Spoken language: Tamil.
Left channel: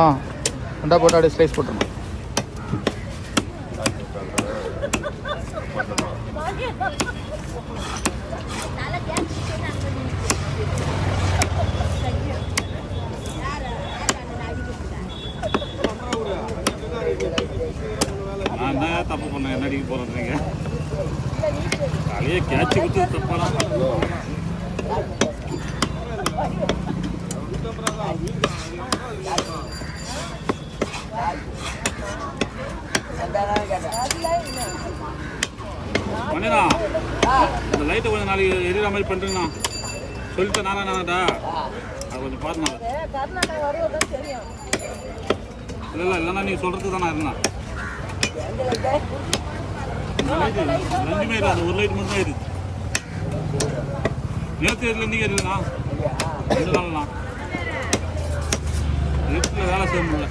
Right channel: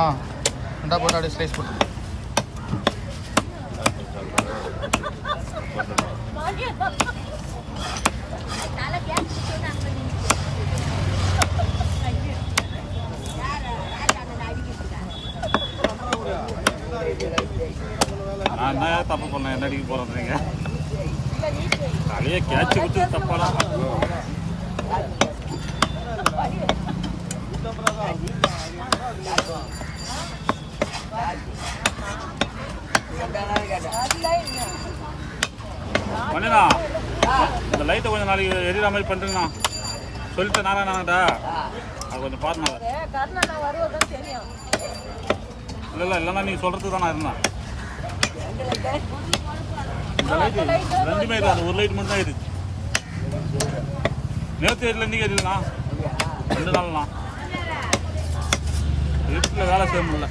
ஆ இந்த போட்டு அப்படியே ஸ்லைஸ் போட்டுருங்க. நான் தான் தப்பு பண்ணேன். என்ன அடிக்க போகிறேன்றீங்க? தலையை கேட்சி வச்சு தப்பானா? பண்ணா இந்த லைட்டை கொஞ்சம் நாளைக்கு எரியிற மாதிரி பண்ணுறேங்கண்ணா. சொல்லிட்டேன் நானாடா, அது கொஞ்சம் பாருண்ணா. இல்லை இல்லைண்ணா, நீங்கள் சொல்கிறது தான் நான் இருந்தேன். இந்த லைட்டு ரெண்டுமே இல்லை, அது ஒரு லைட் மட்டும் தான் இருக்குது. நேற்று எரியில் இன்றைக்கி எரியலண்ணா, 2 நாள்ண்ணா. வீட்டில் வேலை செய்ய முடியல.